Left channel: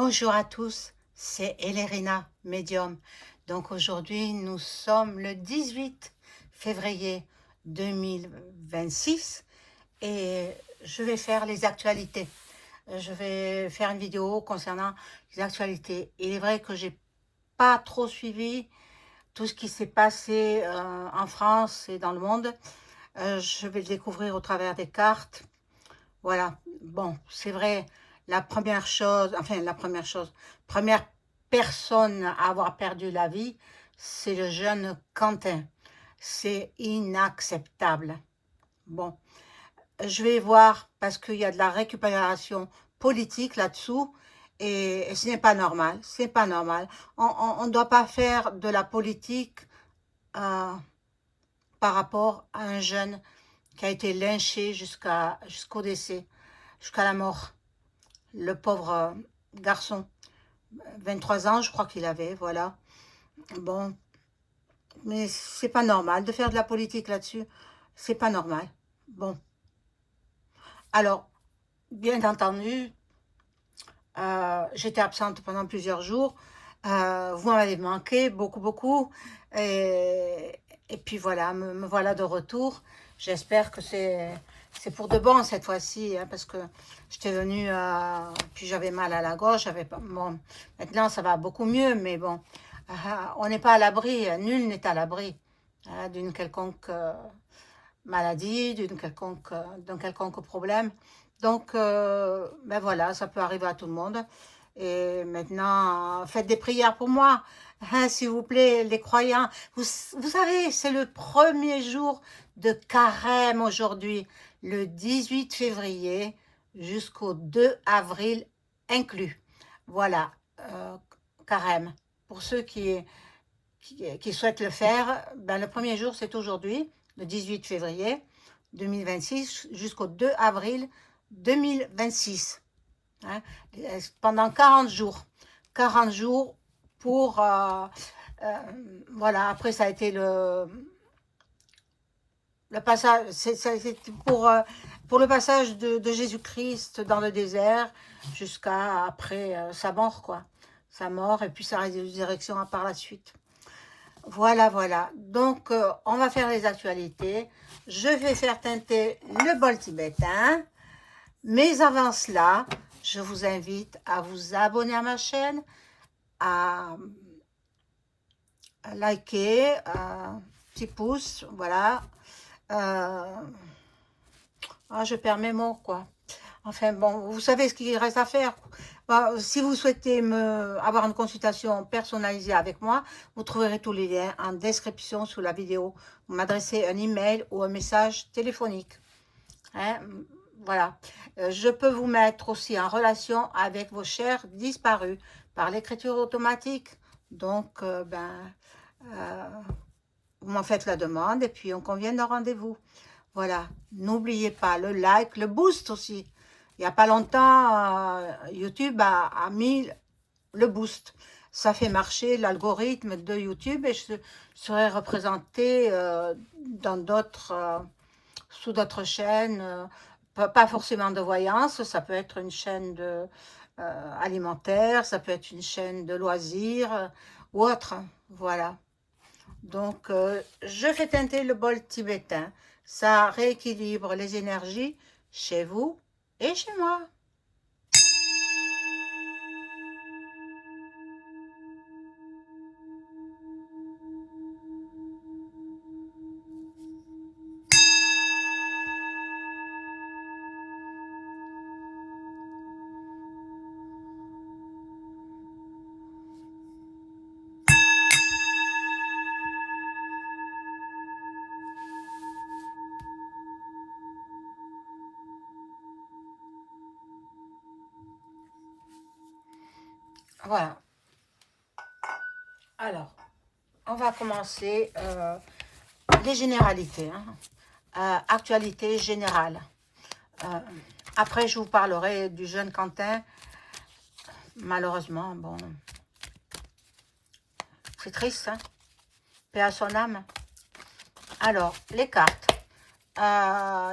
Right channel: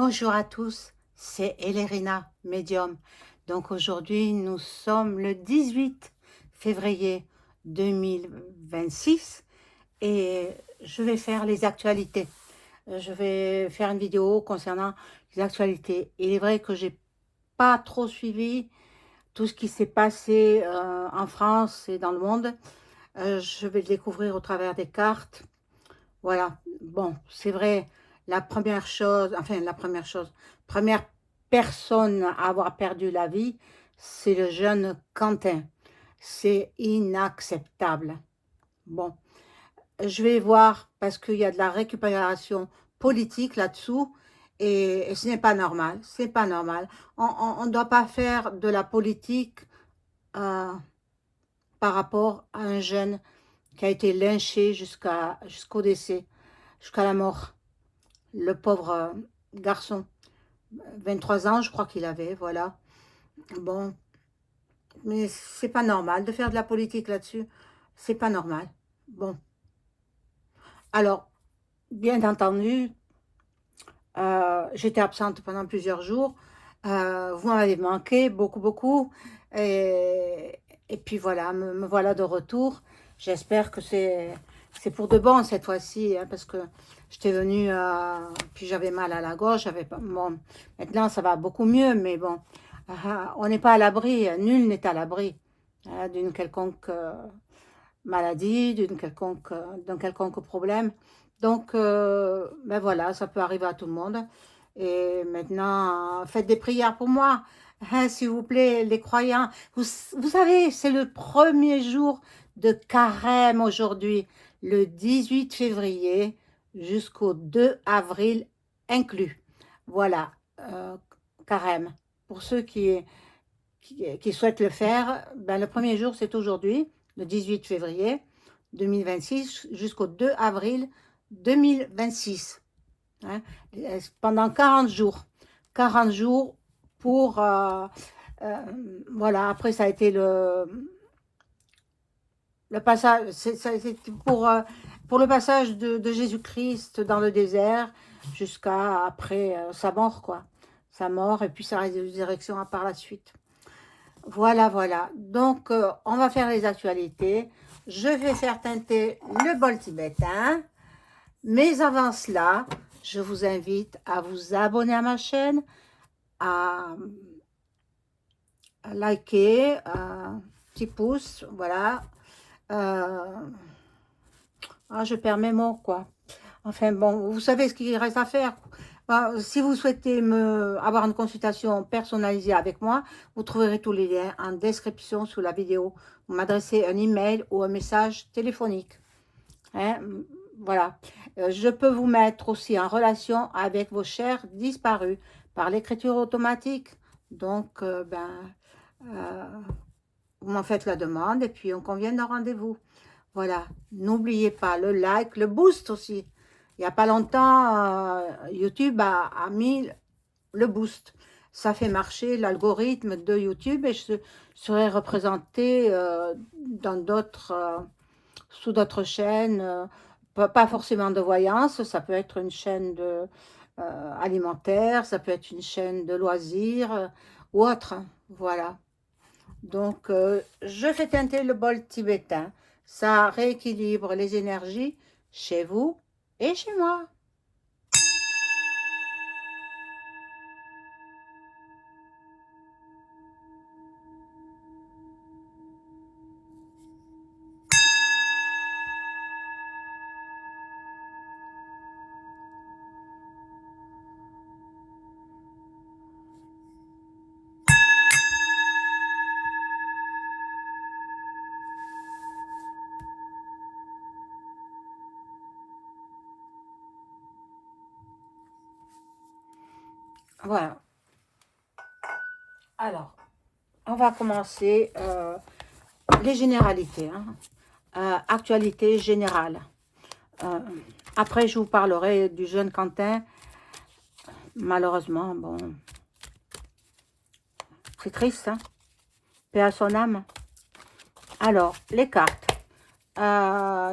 Bonjour à tous, c'est Elérina, médium. Donc aujourd'hui, nous sommes le 18 février 2026 et je vais faire les actualités. Je vais faire une vidéo concernant les actualités. Il est vrai que j'ai pas trop suivi tout ce qui s'est passé en France et dans le monde. Je vais le découvrir au travers des cartes. Voilà, bon, c'est vrai, première personne à avoir perdu la vie, c'est le jeune Quentin. C'est inacceptable. Bon, je vais voir parce qu'il y a de la récupération politique là-dessous et ce n'est pas normal, c'est pas normal. On ne doit pas faire de la politique euh, par rapport à un jeune qui a été lynché jusqu'au décès, jusqu'à la mort. Le pauvre garçon, 23 ans, je crois qu'il avait, voilà. Bon, mais c'est pas normal de faire de la politique là-dessus. C'est pas normal. Bon, alors, bien entendu, j'étais absente pendant plusieurs jours. Vous m'avez manqué, beaucoup, beaucoup. Et puis voilà, me voilà de retour. J'espère que c'est pour de bon cette fois-ci, hein, parce que j'étais venue, puis j'avais mal à la gorge. Bon, maintenant, ça va beaucoup mieux, mais bon, on n'est pas à l'abri, nul n'est à l'abri d'une quelconque maladie, d'un quelconque problème. Donc, ben voilà, ça peut arriver à tout le monde. Et maintenant, faites des prières pour moi, hein, s'il vous plaît, les croyants. Vous savez, c'est le premier jour de carême aujourd'hui, le 18 février jusqu'au 2 avril inclus. Voilà, carême. Pour ceux qui souhaitent le faire, ben, le premier jour, c'est aujourd'hui, le 18 février 2026, jusqu'au 2 avril 2026. Hein, pendant 40 jours. 40 jours pour... voilà, après, ça a été le passage, c'est pour le passage de Jésus-Christ dans le désert jusqu'à après sa mort, quoi. Sa mort et puis sa résurrection par la suite. Voilà, voilà. Donc, on va faire les actualités. Je vais faire teinter le bol tibétain. Mais avant cela, je vous invite à vous abonner à ma chaîne, à liker, petit pouce, voilà. Je perds mes mots, quoi. Enfin bon, vous savez ce qu'il reste à faire. Si vous souhaitez avoir une consultation personnalisée avec moi, vous trouverez tous les liens en description sous la vidéo. Vous m'adressez un email ou un message téléphonique. Hein, voilà. Je peux vous mettre aussi en relation avec vos chers disparus par l'écriture automatique. Donc, vous m'en faites la demande et puis on convient d'un rendez-vous. Voilà. N'oubliez pas le like, le boost aussi. Il n'y a pas longtemps, YouTube a mis le boost. Ça fait marcher l'algorithme de YouTube et je serai représentée dans d'autres, sous d'autres chaînes, pas forcément de voyance, ça peut être une chaîne alimentaire, ça peut être une chaîne de loisirs ou autre. Voilà. Donc, je fais teinter le bol tibétain. Ça rééquilibre les énergies chez vous et chez moi. Voilà. Alors, on va commencer les généralités. Hein. Actualité générale. Après, je vous parlerai du jeune Quentin. Malheureusement, bon, c'est triste, hein, paix à son âme. Alors, les cartes.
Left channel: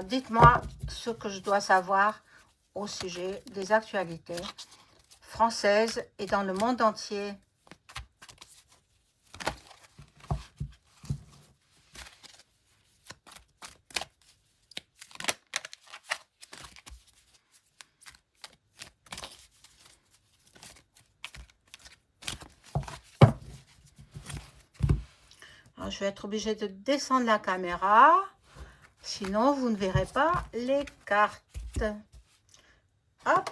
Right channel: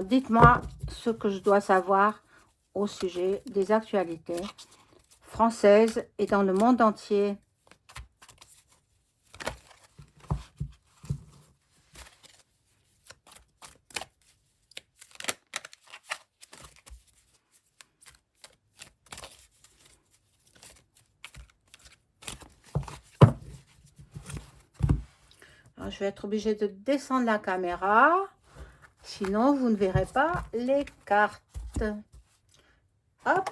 Dites-moi ce que je dois savoir au sujet des actualités française et dans le monde entier. Alors, je vais être obligée de descendre la caméra, sinon vous ne verrez pas les cartes. Hop.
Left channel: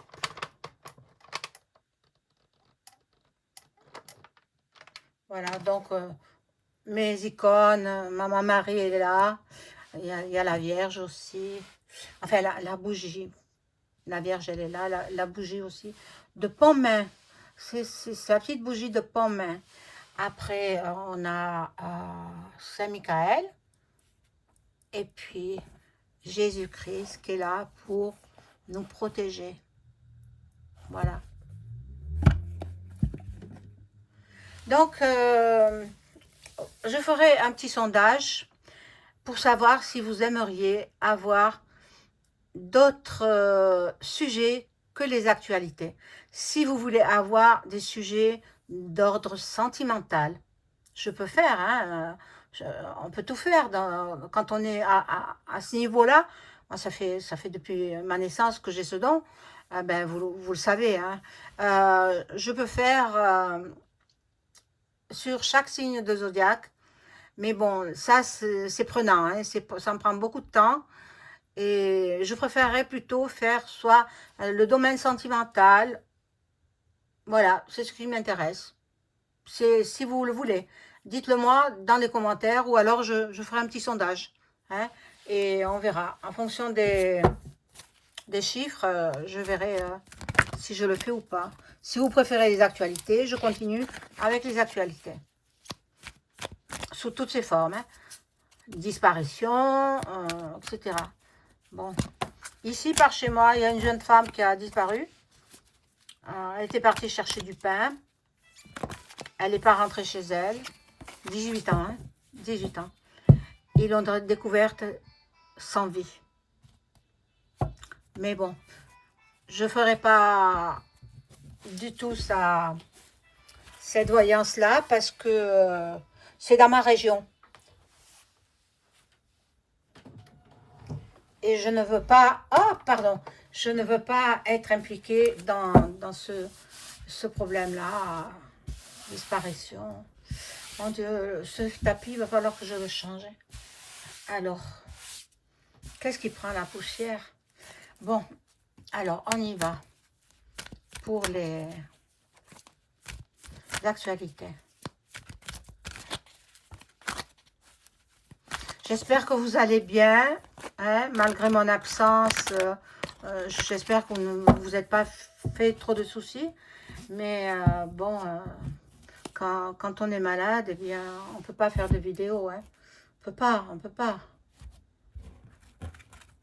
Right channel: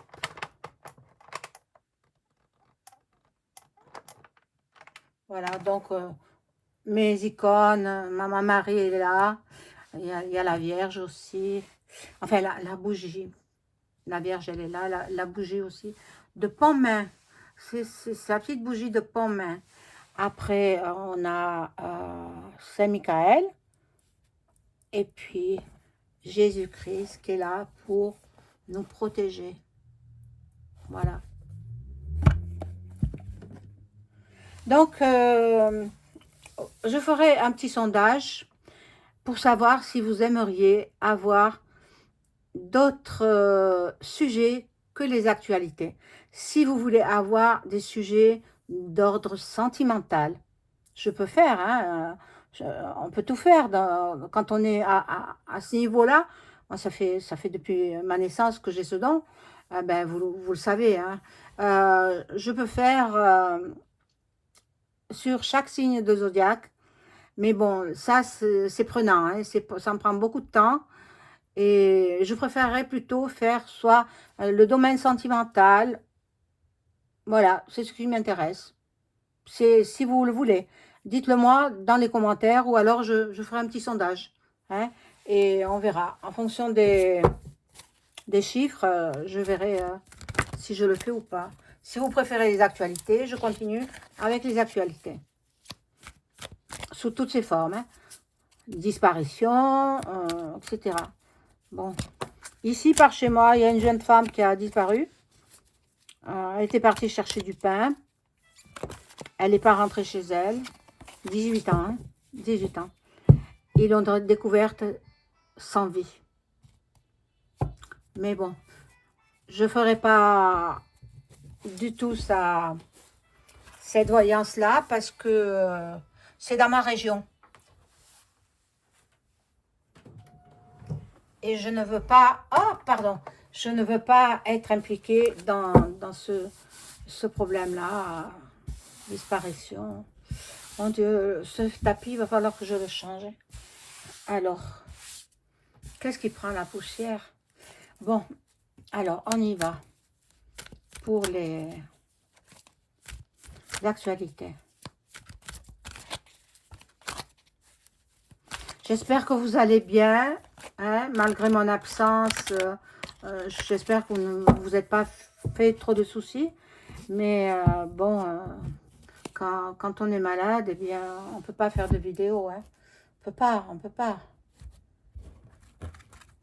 Voilà, donc mes icônes, Maman Marie est là, il y a la Vierge aussi, enfin la bougie, la Vierge elle est là, la bougie aussi, de Pontmain, c'est la petite bougie de Pontmain. Après on a Saint-Michael, et puis Jésus-Christ qui est là pour nous protéger. Voilà. Donc, je ferai un petit sondage pour savoir si vous aimeriez avoir d'autres sujets que les actualités. Si vous voulez avoir des sujets d'ordre sentimental, je peux faire, hein, on peut tout faire quand on est à ce niveau-là. Moi, ça fait depuis ma naissance que j'ai ce don, ben, vous le savez. Hein. Je peux faire sur chaque signe de zodiaque, mais bon, ça c'est prenant, hein, ça me prend beaucoup de temps. Et je préférerais plutôt faire soit le domaine sentimental, voilà, c'est ce qui m'intéresse. C'est si vous le voulez. Dites-le moi dans les commentaires ou alors je ferai un petit sondage. Hein, et on verra. En fonction des chiffres, je verrai si je le fais ou pas. Si vous préférez les actualités, je continue avec les actualités. Sous toutes ses formes. Hein. Disparition, etc. Bon. Ici, par chez moi, il y a une jeune femme qui a disparu. Elle était partie chercher du pain. Elle n'est pas rentrée chez elle. 18 ans, hein, 18 ans. Ils l'ont découverte sans vie. Mais bon, je ne ferai pas du tout cette voyance-là parce que c'est dans ma région. Et je ne veux pas... Oh, pardon. Je ne veux pas être impliquée dans ce problème-là. Disparition. Mon Dieu, ce tapis, il va falloir que je le change. Alors, qu'est-ce qui prend la poussière? Bon, alors, on y va pour les actualités. J'espère que vous allez bien, hein, malgré mon absence. J'espère que vous ne vous êtes pas fait trop de soucis. Mais bon, quand on est malade, eh bien, on ne peut pas faire de vidéo. Hein. On peut pas.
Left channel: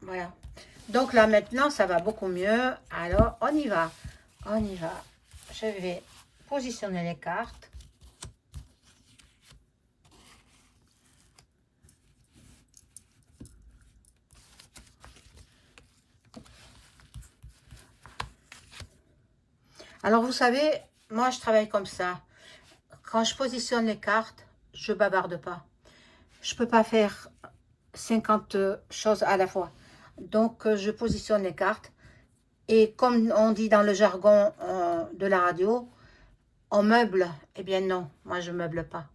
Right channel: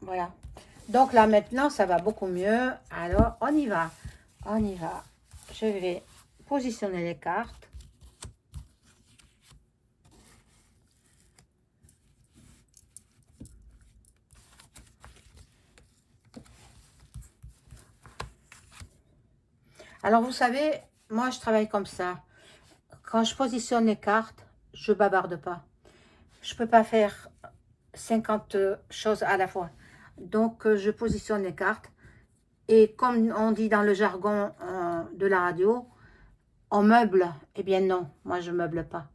Voilà. Donc là, maintenant, ça va beaucoup mieux. Alors, on y va. On y va. Je vais positionner les cartes. Alors, vous savez, moi, je travaille comme ça. Quand je positionne les cartes, je bavarde pas. Je peux pas faire 50 choses à la fois. Donc, je positionne les cartes. Et comme on dit dans le jargon de la radio, on meuble. Eh bien non, moi je meuble pas.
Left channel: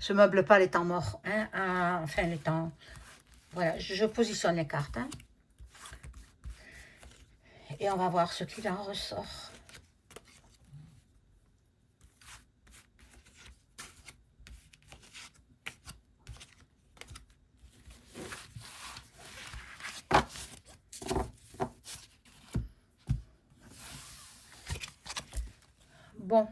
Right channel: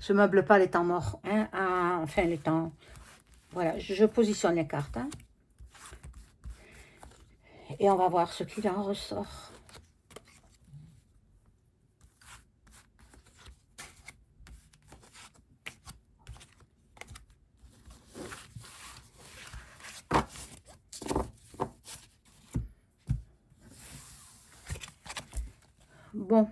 Je meuble pas les temps morts. Hein, enfin, les temps... Voilà, je positionne les cartes. Hein. Et on va voir ce qu'il en ressort. Bon.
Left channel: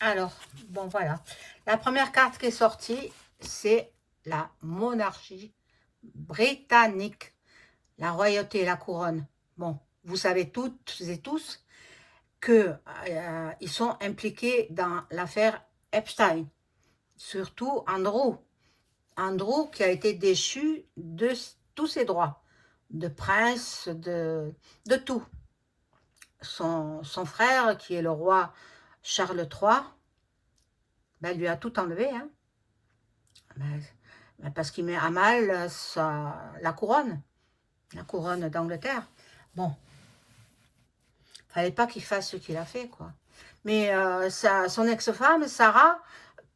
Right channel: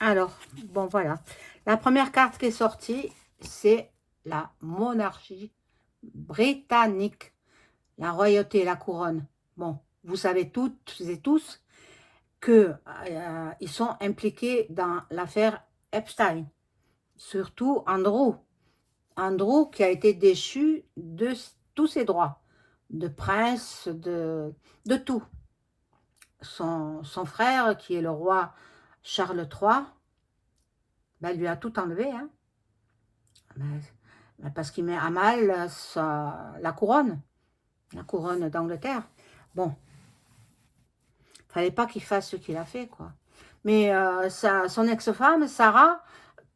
Alors, bon voilà. La première carte qui est sortie, c'est la monarchie britannique. La royauté et la couronne. Bon, vous savez toutes et tous que ils sont impliqués dans l'affaire Epstein. Surtout Andrew. Andrew qui a été déchu de tous ses droits. de prince, de tout. Son frère, qui est le roi Charles III, ben, lui a tout enlevé, hein. Parce qu'il met à mal la couronne d'Angleterre. Bon, fallait pas qu'il fasse ce qu'il a fait, quoi. Mais son ex-femme, Sarah,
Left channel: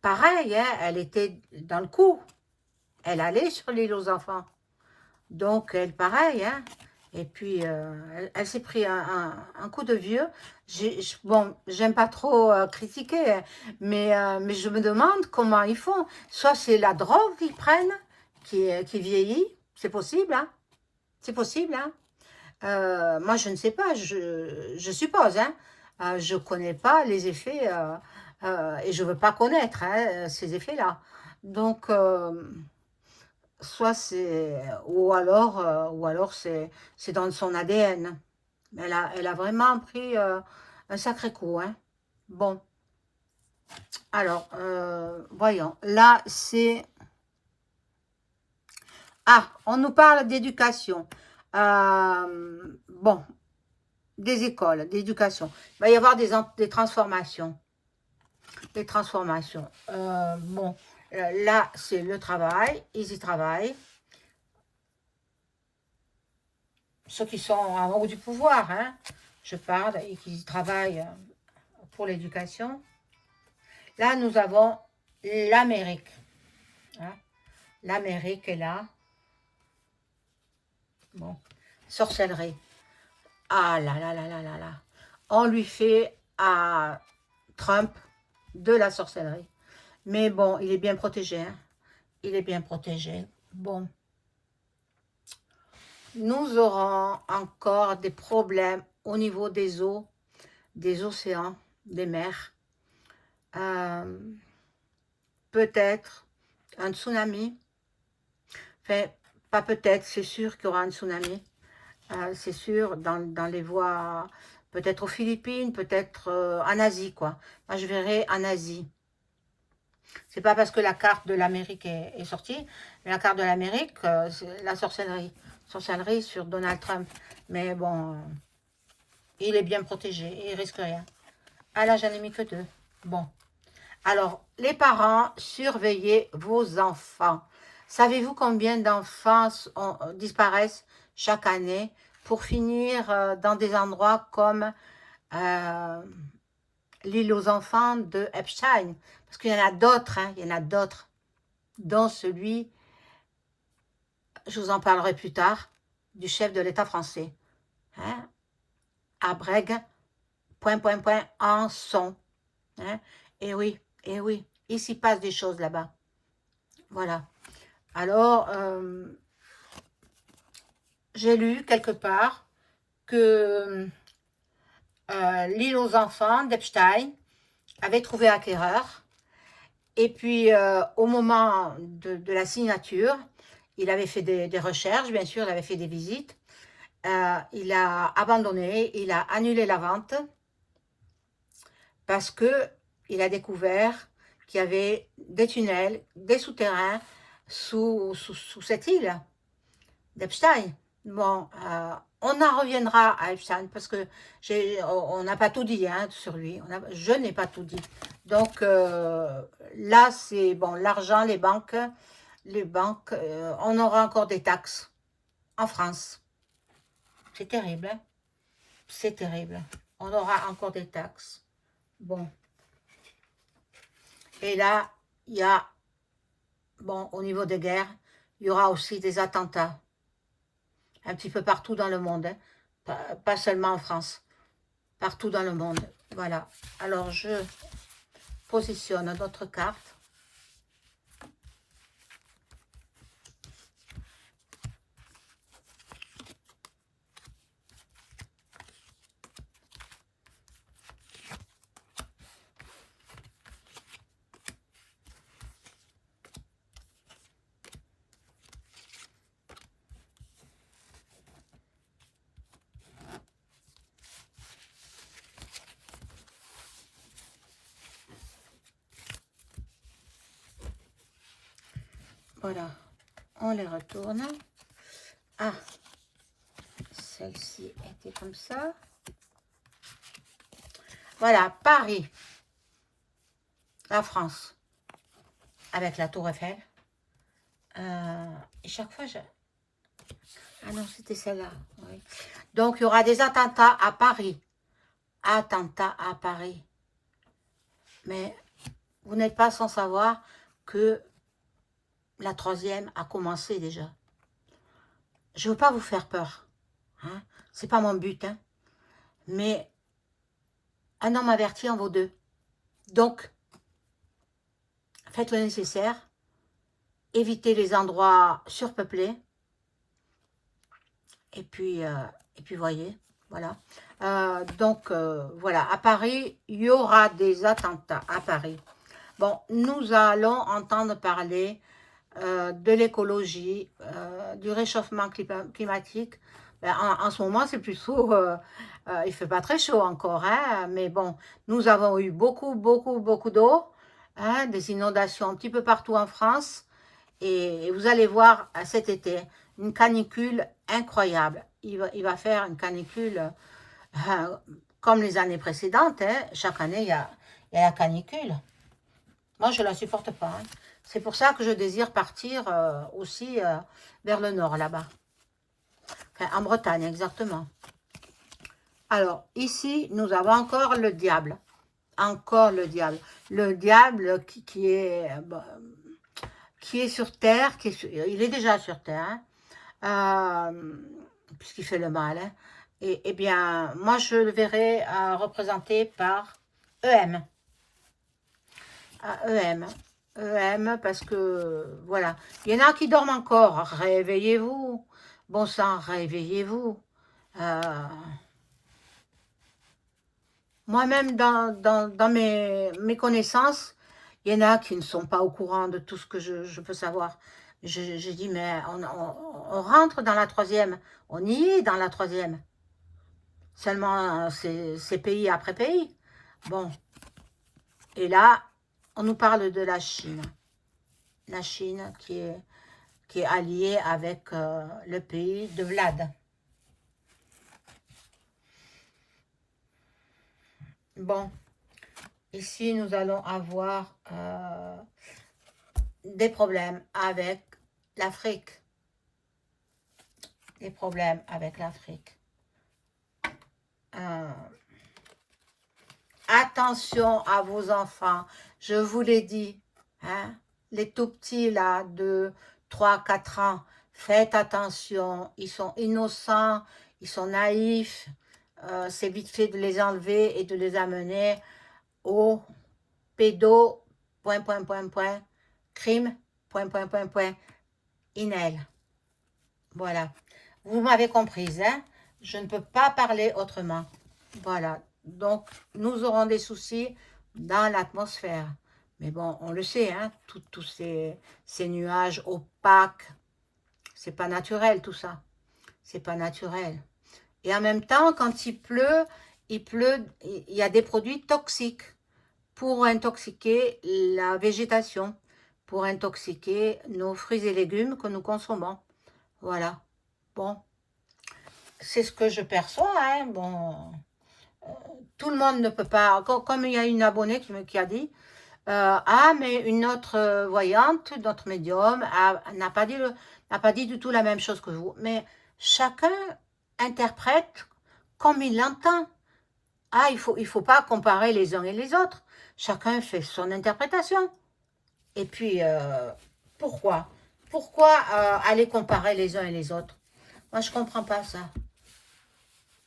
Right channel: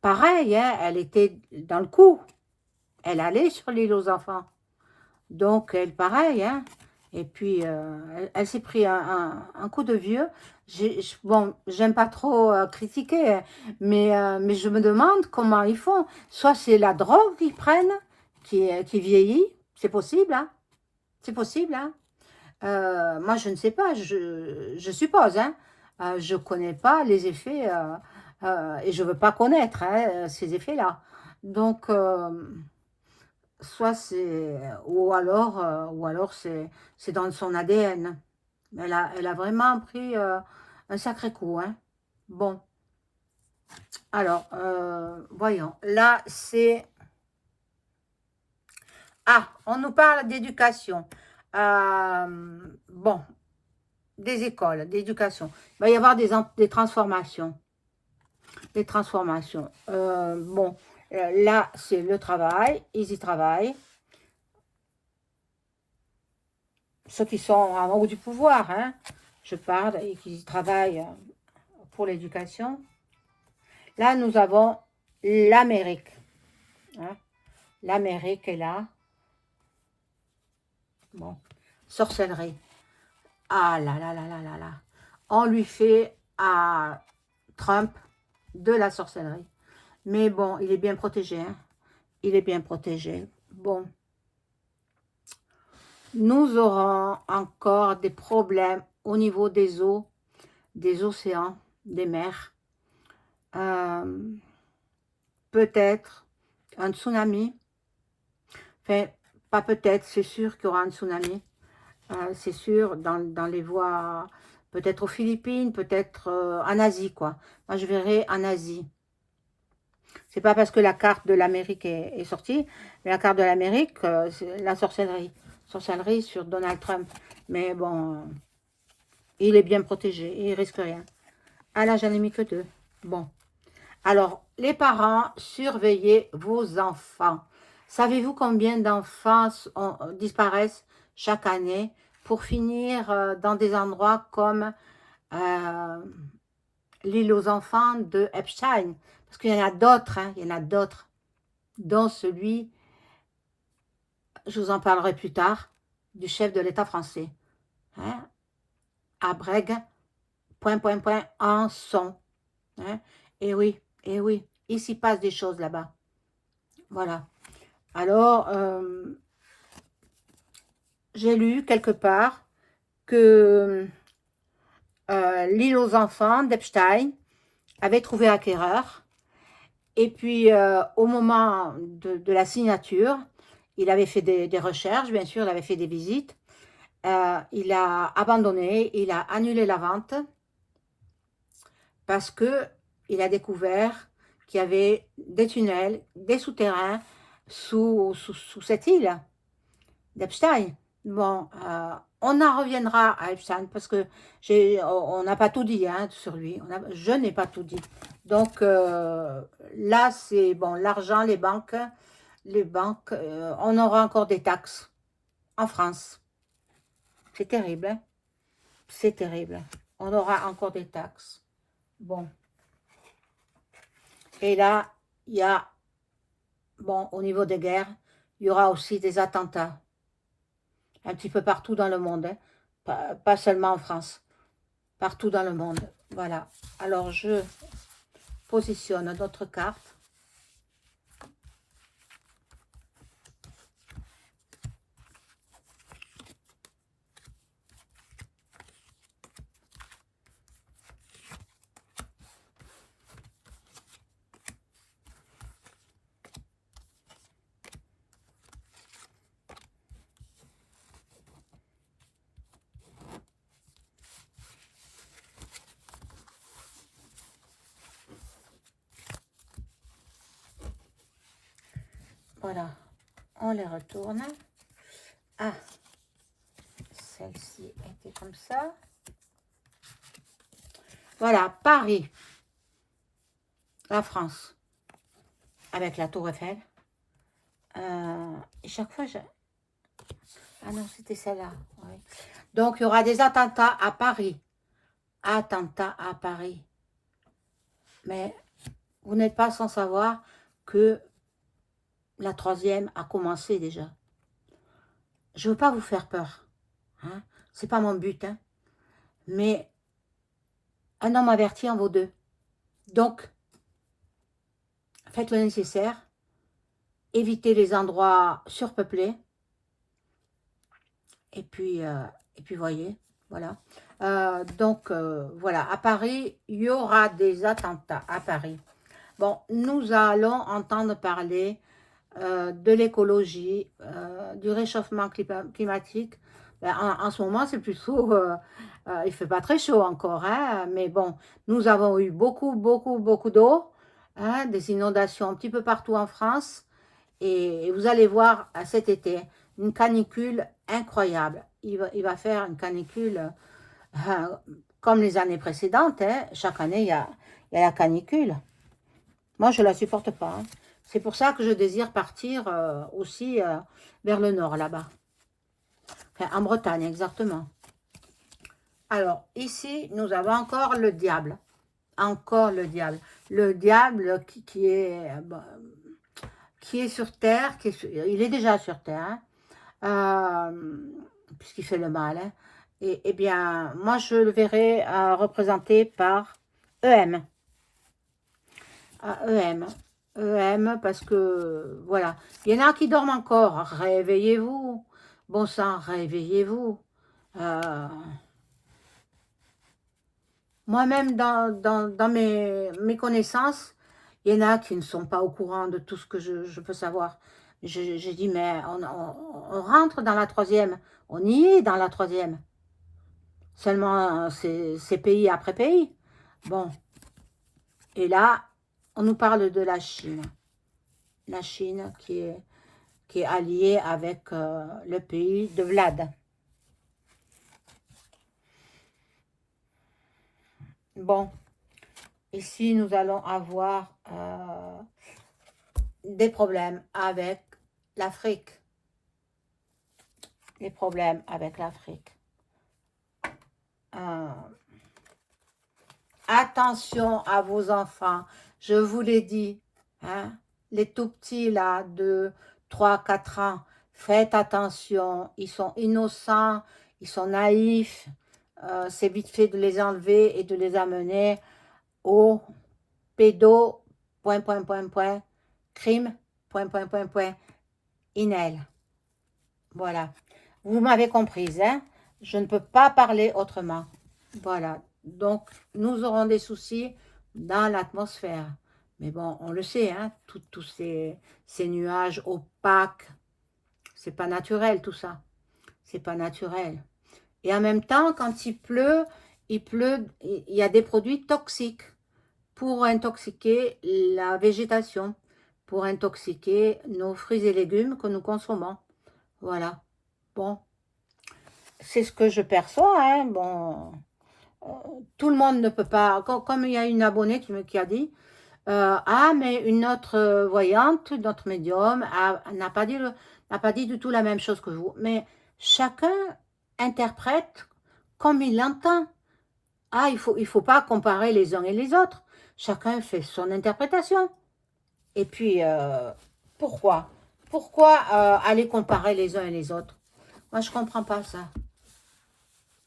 pareil, hein, elle était dans le coup. Elle allait sur l'île aux enfants. Donc, elle, pareil, hein. Et puis, elle s'est pris un coup de vieux. Bon, j'aime pas trop critiquer, hein, mais je me demande comment ils font. Soit c'est la drogue qu'ils prennent, qui vieillit, c'est possible, hein. C'est possible, hein. Moi, je ne sais pas, je suppose, hein. Je ne connais pas les effets, et je ne veux pas connaître, hein, ces effets-là. Donc, soit c'est, ou alors c'est dans son ADN. Elle a vraiment pris un sacré coup, hein. Bon, alors, voyons, là, c'est... Ah, on nous parle d'éducation. Bon, des écoles, d'éducation. Il va y avoir des transformations. Des transformations. Bon, là, c'est le travail. Ils y travaillent. Ceux qui sont en haut du pouvoir, hein, je parle, et qui travaillent pour l'éducation. Là, nous avons l'Amérique. Hein. L'Amérique est là. Bon, sorcellerie. Ah là là là là là là. On lui fait à Trump de la sorcellerie. Mais bon, il est bien protégé. Hein. Il est bien protégé. Bon. Nous aurons encore des problèmes au niveau des eaux, des océans, des mers. Peut-être un tsunami. Enfin, pas peut-être, c'est sûr qu'il y aura un tsunami. C'est sûr, dans les voies, peut-être aux Philippines, peut-être en Asie, quoi. Moi, je verrai en Asie. C'est pas parce que la carte de l'Amérique est sortie, mais la carte de l'Amérique, c'est la sorcellerie. Sorcellerie sur Donald Trump. Mais bon, il est bien protégé, il risque rien. Ah là, j'en ai mis que 2. Bon. Alors, les parents, surveillez vos enfants. Savez-vous combien d'enfants disparaissent chaque année pour finir dans des endroits comme l'île aux enfants de Epstein? Parce qu'il y en a d'autres, hein, il y en a d'autres, dont celui, je vous en parlerai plus tard, du chef de l'État français. Hein, à Brègue, en son. Hein, et oui, il s'y passe des choses là-bas. Voilà. Alors, j'ai lu quelque part que l'île aux enfants d'Epstein avait trouvé acquéreur. Et puis, au moment de la signature, il avait fait des recherches, bien sûr, il avait fait des visites. Il a abandonné, il a annulé la vente parce qu'il a découvert qu'il y avait des tunnels, des souterrains sous cette île d'Epstein. Bon, on en reviendra à Epstein parce que on n'a pas tout dit hein, sur lui. Je n'ai pas tout dit. Donc là, c'est bon, l'argent, les banques, on aura encore des taxes en France. C'est terrible, hein? C'est terrible. On aura encore des taxes. Bon. Et là, il y a, bon, au niveau des guerres, il y aura aussi des attentats. Un petit peu partout dans le monde. Hein. Pas seulement en France. Partout dans le monde. Voilà. Alors, je positionne notre carte. Voilà. On les retourne. Ah, celle-ci était comme ça. Voilà, Paris, la France, avec la Tour Eiffel. Et chaque fois, ah non, c'était celle-là. Oui. Donc, il y aura des attentats à Paris. Attentats à Paris. Mais vous n'êtes pas sans savoir que la troisième a commencé déjà. Je ne veux pas vous faire peur. Hein? Ce n'est pas mon but. Hein? Mais un homme averti en vaut deux. Donc, faites le nécessaire. Évitez les endroits surpeuplés. Et puis voyez, voilà. Voilà, à Paris, il y aura des attentats à Paris. Bon, nous allons entendre parler de l'écologie, du réchauffement climatique. Ben, en ce moment, c'est plutôt, il ne fait pas très chaud encore, hein, mais bon, nous avons eu beaucoup d'eau, hein, des inondations un petit peu partout en France, et vous allez voir cet été, une canicule incroyable. Il va faire une canicule comme les années précédentes, hein. Chaque année, il y a la canicule. Moi, je ne la supporte pas. Hein. C'est pour ça que je désire partir aussi vers le nord, là-bas. Enfin, en Bretagne, exactement. Alors, ici, nous avons encore le diable. Encore le diable. Le diable qui est sur Terre. Il est déjà sur Terre. Hein, puisqu'il fait le mal. Hein. Et bien, moi, je le verrai représenté par EM. EM, parce que, voilà. Il y en a qui dorment encore. Réveillez-vous. Bon sang, réveillez-vous. Moi-même, dans mes connaissances, il y en a qui ne sont pas au courant de tout ce que je peux savoir. J'ai dit, mais on rentre dans la troisième. On y est dans la troisième. Seulement, c'est pays après pays. Bon. Et là, on nous parle de la Chine. La Chine qui est alliée avec le pays de Vlad. Bon. Ici, nous allons avoir des problèmes avec l'Afrique. Des problèmes avec l'Afrique. Attention à vos enfants. Je vous l'ai dit. Hein, les tout petits, là, de 3-4 ans, faites attention. Ils sont innocents, ils sont naïfs. C'est vite fait de les enlever et de les amener au pédo, crime, inel. Voilà. Vous m'avez comprise, hein? Je ne peux pas parler autrement. Voilà. Donc, nous aurons des soucis dans l'atmosphère. Mais bon, on le sait, hein? Tous ces nuages opaques, c'est pas naturel tout ça. C'est pas naturel. Et en même temps, quand il pleut, il y a des produits toxiques pour intoxiquer la végétation, pour intoxiquer nos fruits et légumes que nous consommons. Voilà. Bon, c'est ce que je perçois. Hein. Bon, tout le monde ne peut pas. Comme il y a une abonnée qui a dit, ah, mais une autre voyante, notre médium, n'a pas dit du tout la même chose que vous. Mais chacun interprète comme il l'entend. Ah, il faut pas comparer les uns et les autres. Chacun fait son interprétation. Et puis, pourquoi aller comparer les uns et les autres? Moi, je ne comprends pas ça.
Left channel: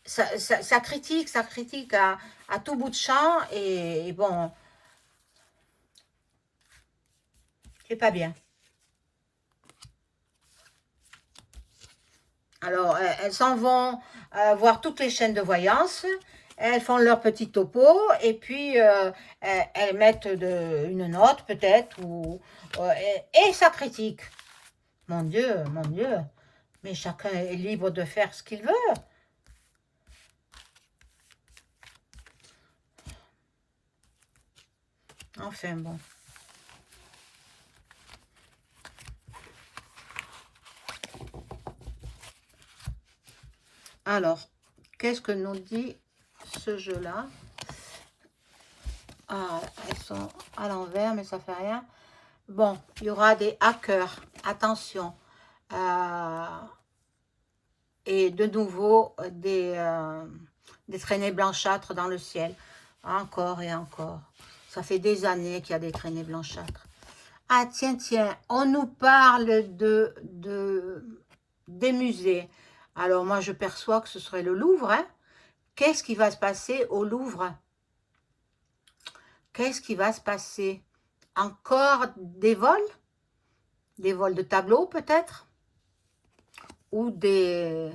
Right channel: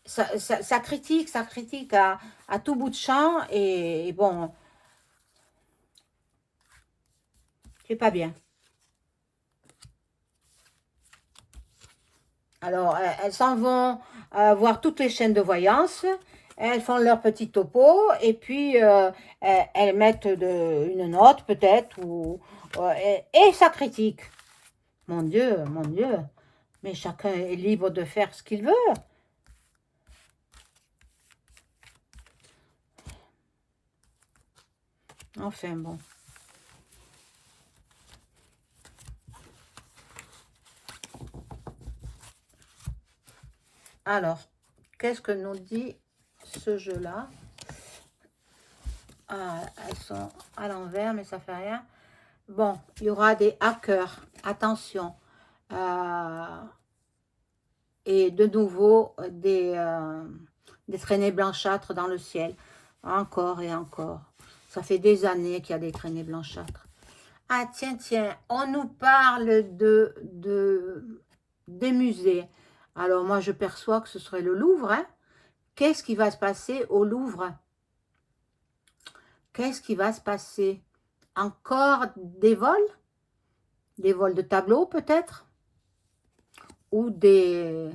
Ça critique à tout bout de champ. Et bon, c'est pas bien. Alors, elles s'en vont voir toutes les chaînes de voyance. Elles font leur petit topo et puis elles mettent une note peut-être et ça critique. Mon Dieu, mais chacun est libre de faire ce qu'il veut. Enfin bon. Alors, qu'est-ce que nous dit ce jeu-là? Ah, elles sont à l'envers, mais ça fait rien. Bon, il y aura des hackers, attention. Et de nouveau, des traînées blanchâtres dans le ciel. Encore et encore. Ça fait des années qu'il y a des traînées blanchâtres. Ah, tiens, tiens, on nous parle des musées. Alors, moi, je perçois que ce serait le Louvre, hein. Qu'est-ce qui va se passer au Louvre? Qu'est-ce qui va se passer? Encore des vols? Des vols de tableaux, peut-être? Ou des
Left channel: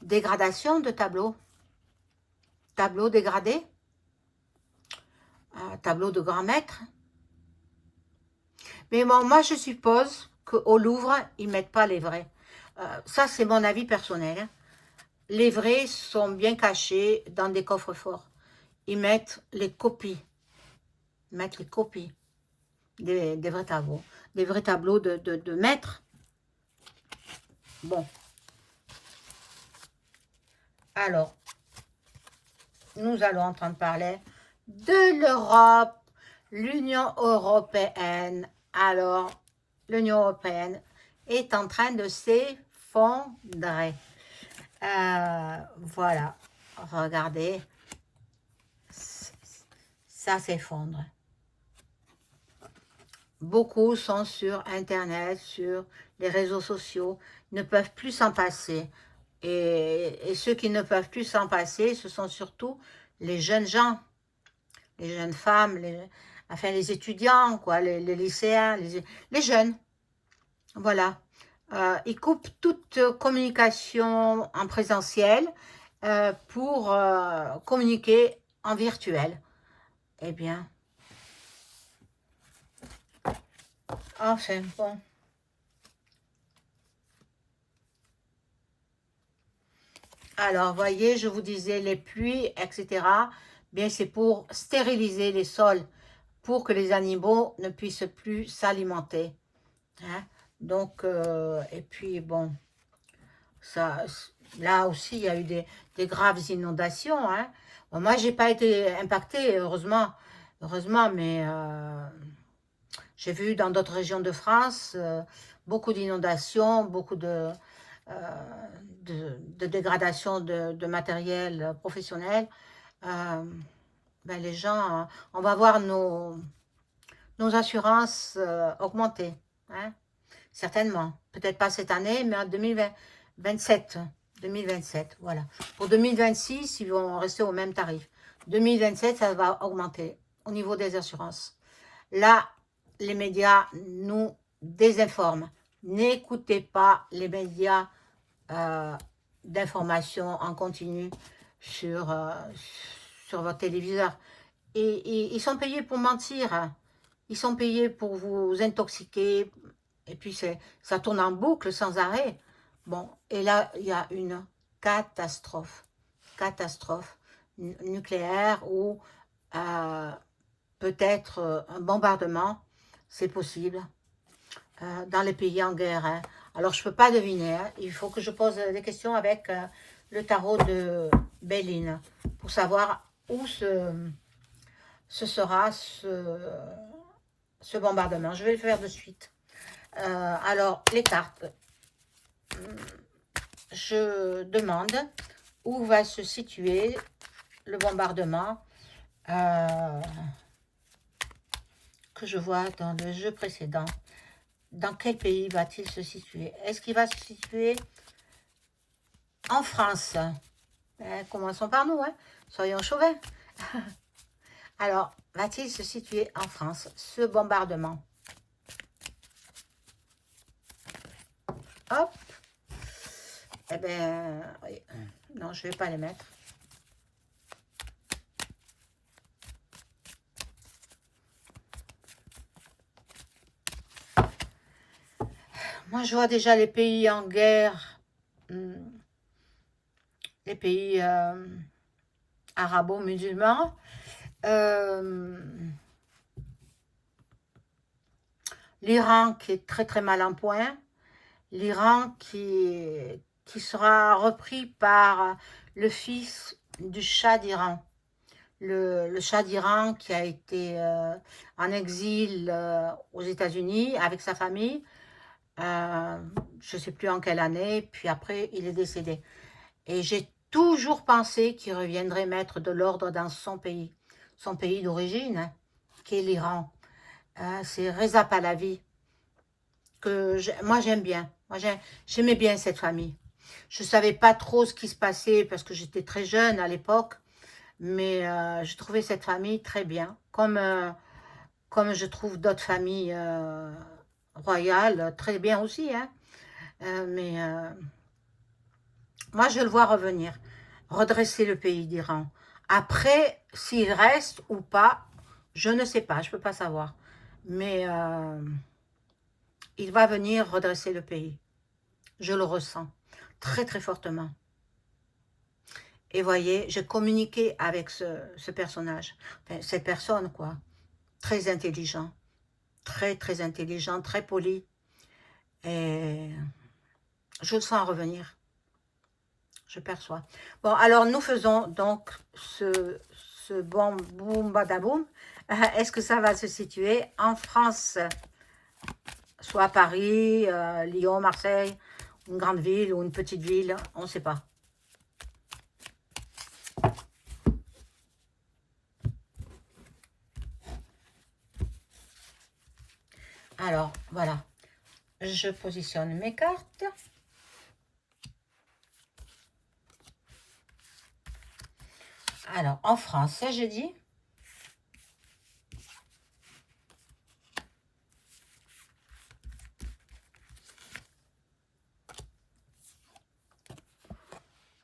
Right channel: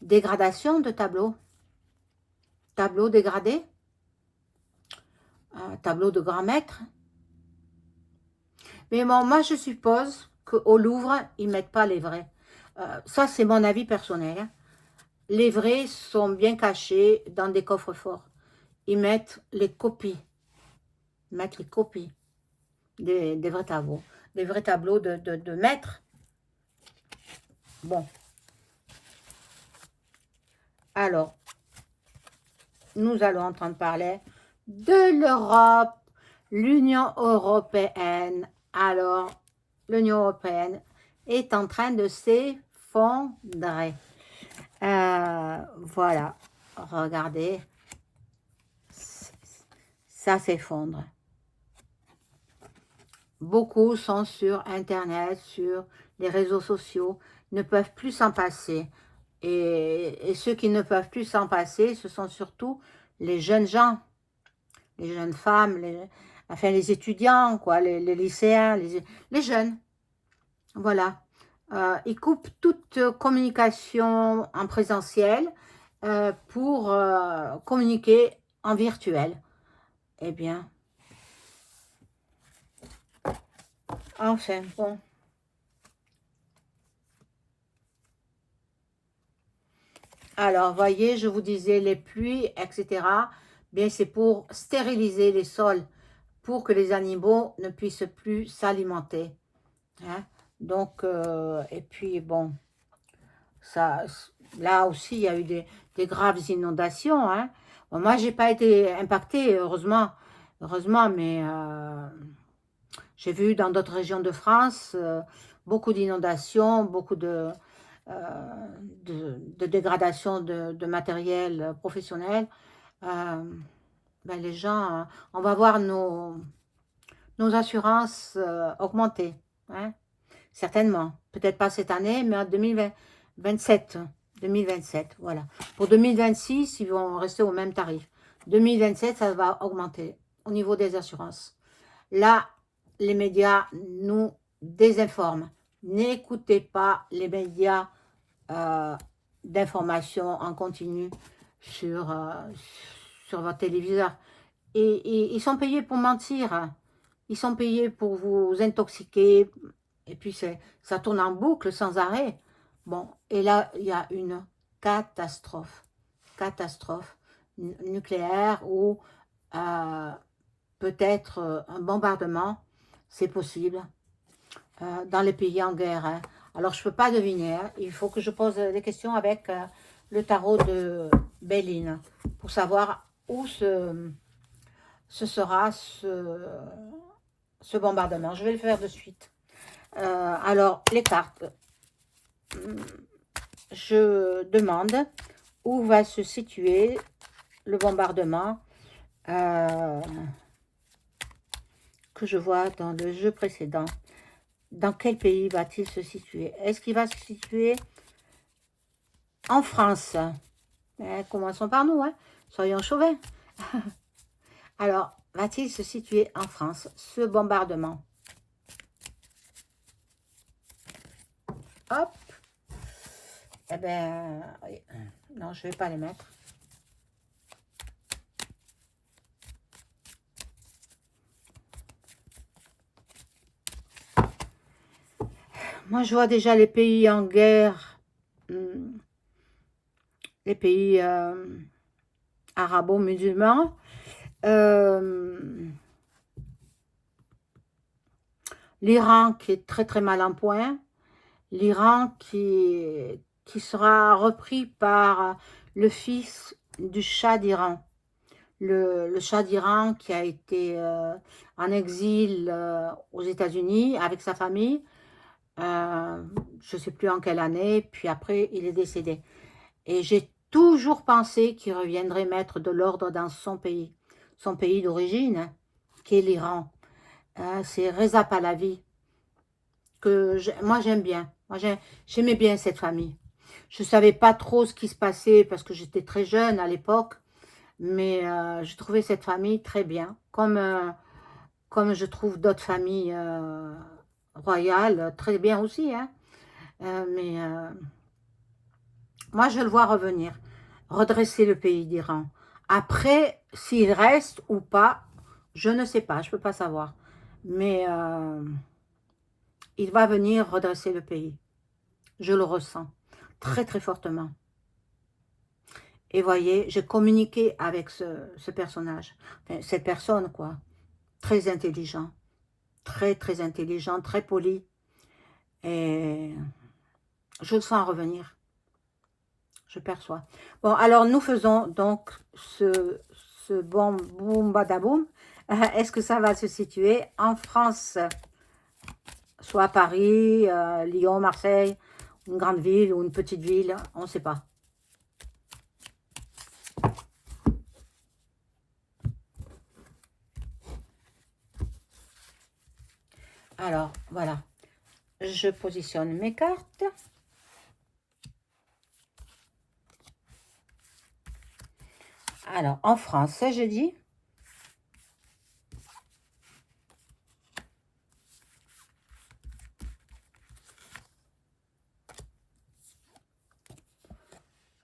dégradations de tableaux? Tableaux dégradés? Tableaux de grand maître? Mais bon, moi, je suppose qu'au Louvre, ils ne mettent pas les vrais. Ça, c'est mon avis personnel, hein. Les vrais sont bien cachés dans des coffres-forts. Ils mettent les copies. Ils mettent les copies des vrais tableaux. Des vrais tableaux de maîtres. Bon. Alors, nous allons entendre parler de l'Europe, l'Union européenne. Alors, l'Union européenne est en train de s'effondrer. Voilà, regardez, ça s'effondre. Beaucoup sont sur Internet, sur les réseaux sociaux, ne peuvent plus s'en passer. Et ceux qui ne peuvent plus s'en passer, ce sont surtout les jeunes gens, les jeunes femmes, enfin les étudiants, quoi, les lycéens, les jeunes. Voilà. Ils coupent toute communication en présentiel pour communiquer en virtuel. Eh bien, enfin, bon. Alors, voyez, je vous disais, les pluies, etc., bien, c'est pour stériliser les sols, pour que les animaux ne puissent plus s'alimenter. Hein? Donc, et puis, bon, ça, là aussi, il y a eu des graves inondations. Hein? Bon, moi, j'ai pas été impactée, heureusement, mais j'ai vu dans d'autres régions de France beaucoup d'inondations, beaucoup de dégradation de matériel professionnel. Ben les gens, on va voir nos assurances augmenter. Hein, certainement. Peut-être pas cette année, mais en 2027. 2027, voilà. Pour 2026, ils vont rester au même tarif. 2027, ça va augmenter au niveau des assurances. Là, les médias nous désinforment. N'écoutez pas les médias d'information en continu sur votre téléviseur. Et ils sont payés pour mentir. Hein. Ils sont payés pour vous intoxiquer. Et puis, ça tourne en boucle sans arrêt. Bon, et là, il y a une catastrophe. Catastrophe nucléaire ou peut-être un bombardement. C'est possible. Dans les pays en guerre. Hein. Alors, je ne peux pas deviner. Hein. Il faut que je pose des questions avec le tarot de Béline pour savoir où ce sera ce bombardement. Je vais le faire de suite. Alors, les cartes. Je demande où va se situer le bombardement que je vois dans le jeu précédent. Dans quel pays va-t-il se situer? Est-ce qu'il va se situer en France? Commençons par nous, hein? Soyons chauvins. Alors, va-t-il se situer en France, ce bombardement? Hop. Eh bien, non, je ne vais pas les mettre. Moi, je vois déjà les pays en guerre, les pays arabo-musulmans. L'Iran qui est très très mal en point. L'Iran qui est qui sera repris par le fils du Shah d'Iran. Le Shah d'Iran qui a été en exil aux États-Unis avec sa famille, je ne sais plus en quelle année, puis après il est décédé. Et j'ai toujours pensé qu'il reviendrait mettre de l'ordre dans son pays d'origine, hein, qui est l'Iran. C'est Reza Pahlavi, que moi j'aime bien. Moi j'aimais bien cette famille. Je ne savais pas trop ce qui se passait parce que j'étais très jeune à l'époque, mais je trouvais cette famille très bien, comme je trouve d'autres familles royales très bien aussi, hein. Mais moi je le vois revenir, redresser le pays d'Iran. Après, s'il reste ou pas, je ne sais pas, je ne peux pas savoir. Mais il va venir redresser le pays. Je le ressens très très fortement. Et voyez, j'ai communiqué avec ce personnage, enfin, cette personne quoi, très intelligent, très intelligent, très poli. Et je le sens revenir, je perçois. Bon, alors nous faisons donc ce bon boum badaboum. Est-ce que ça va se situer en France, soit à Paris, Lyon, Marseille, une grande ville ou une petite ville, on ne sait pas. Alors, voilà. Je positionne mes cartes. Alors, en France, j'ai dit.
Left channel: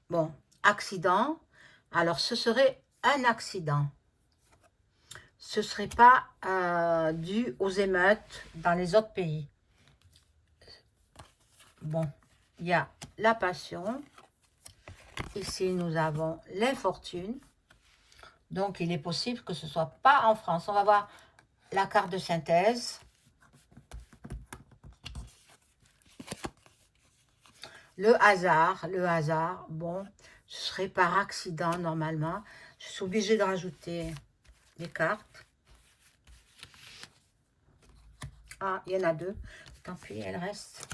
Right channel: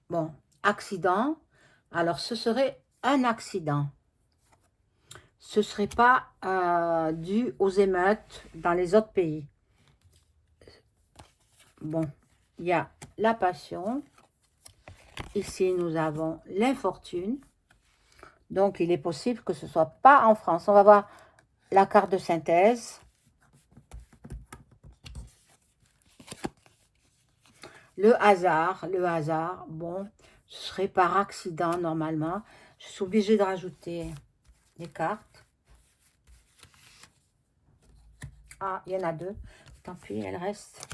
Bon, accident. Alors, ce serait un accident. Ce ne serait pas dû aux émeutes dans les autres pays. Bon, il y a la passion. Ici, nous avons l'infortune. Donc, il est possible que ce ne soit pas en France. On va voir la carte de synthèse. Le hasard, bon, ce serait par accident normalement. Je suis obligée de rajouter les cartes. Ah, il y en a deux. Tant pis, elles restent.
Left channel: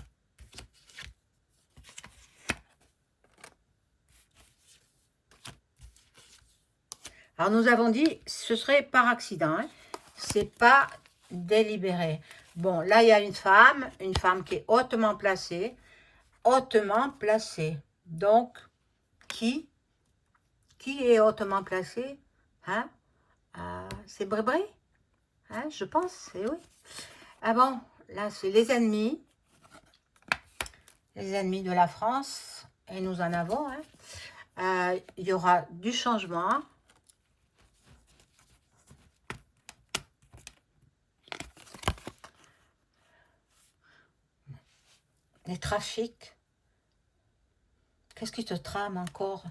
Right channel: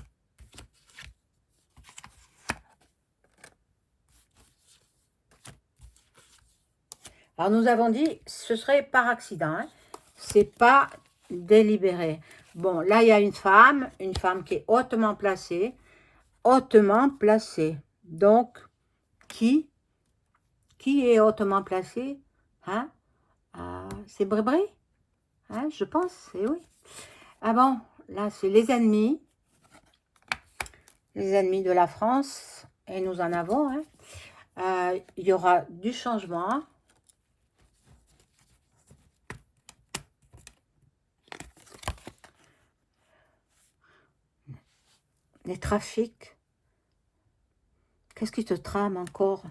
Alors, nous avons dit, ce serait par accident. Hein. C'est pas délibéré. Bon, là, il y a une femme qui est hautement placée. Hautement placée. Donc, qui est hautement placé? Hein? C'est Brébré? Hein, je pense, et oui. Ah bon, là, c'est les ennemis de la France. Et nous en avons. Hein. Il y aura du changement. Les trafics. Qu'est-ce qui te trame encore?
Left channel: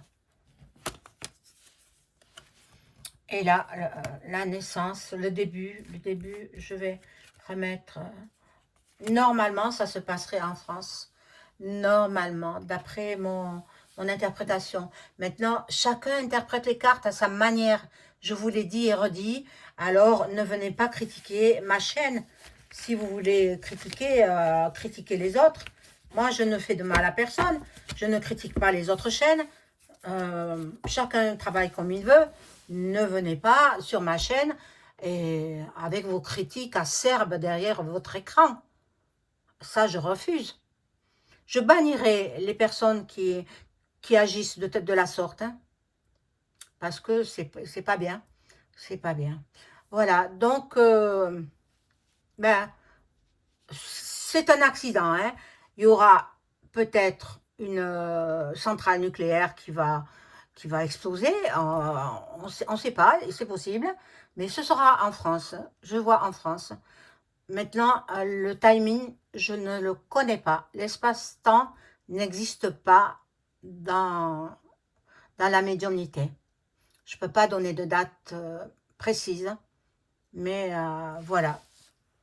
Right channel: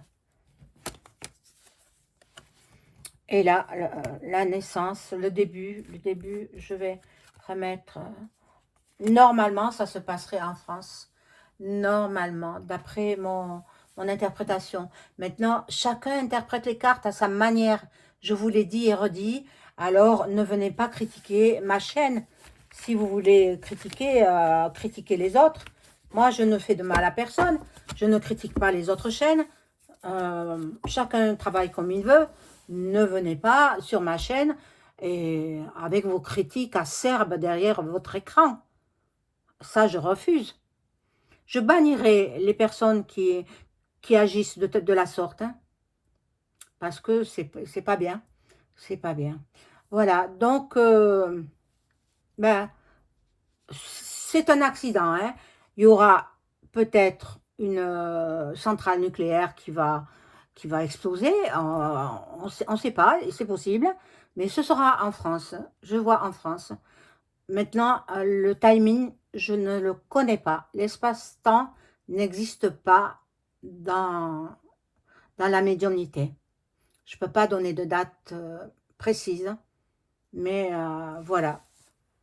Et là, la naissance, le début, je vais remettre... normalement, ça se passerait en France. Normalement, d'après mon interprétation. Maintenant, chacun interprète les cartes à sa manière. Je vous l'ai dit et redit. Alors, ne venez pas critiquer ma chaîne. Si vous voulez critiquer, critiquez les autres. Moi, je ne fais de mal à personne. Je ne critique pas les autres chaînes. Chacun travaille comme il veut. Ne venez pas sur ma chaîne et avec vos critiques acerbes derrière votre écran. Ça, je refuse. Je bannirai les personnes qui agissent de la sorte. Hein, parce que c'est pas bien. C'est pas bien. Voilà, donc, ben, c'est un accident. Hein. Il y aura peut-être une centrale nucléaire qui va exploser. On ne sait pas, c'est possible. Mais ce sera en France. Je vois en France. Maintenant, le timing, je ne le connais pas. L'espace-temps n'existe pas dans la médiumnité. Je ne peux pas donner de date précise. Mais voilà.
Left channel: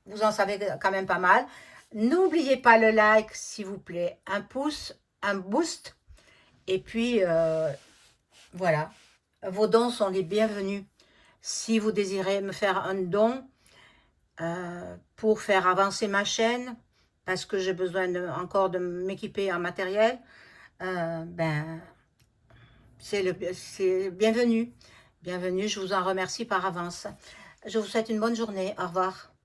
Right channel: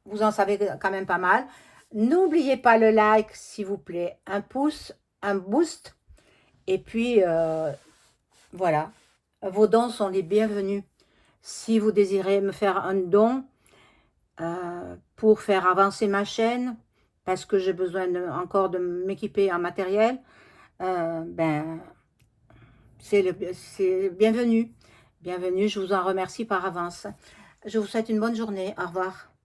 Vous en savez quand même pas mal. N'oubliez pas le like, s'il vous plaît. Un pouce, un boost. Et puis, voilà, vos dons sont les bienvenus. Si vous désirez me faire un don pour faire avancer ma chaîne, parce que j'ai besoin encore de m'équiper en matériel, ben, c'est bienvenu. Bienvenue, je vous en remercie par avance. Je vous souhaite une bonne journée. Au revoir.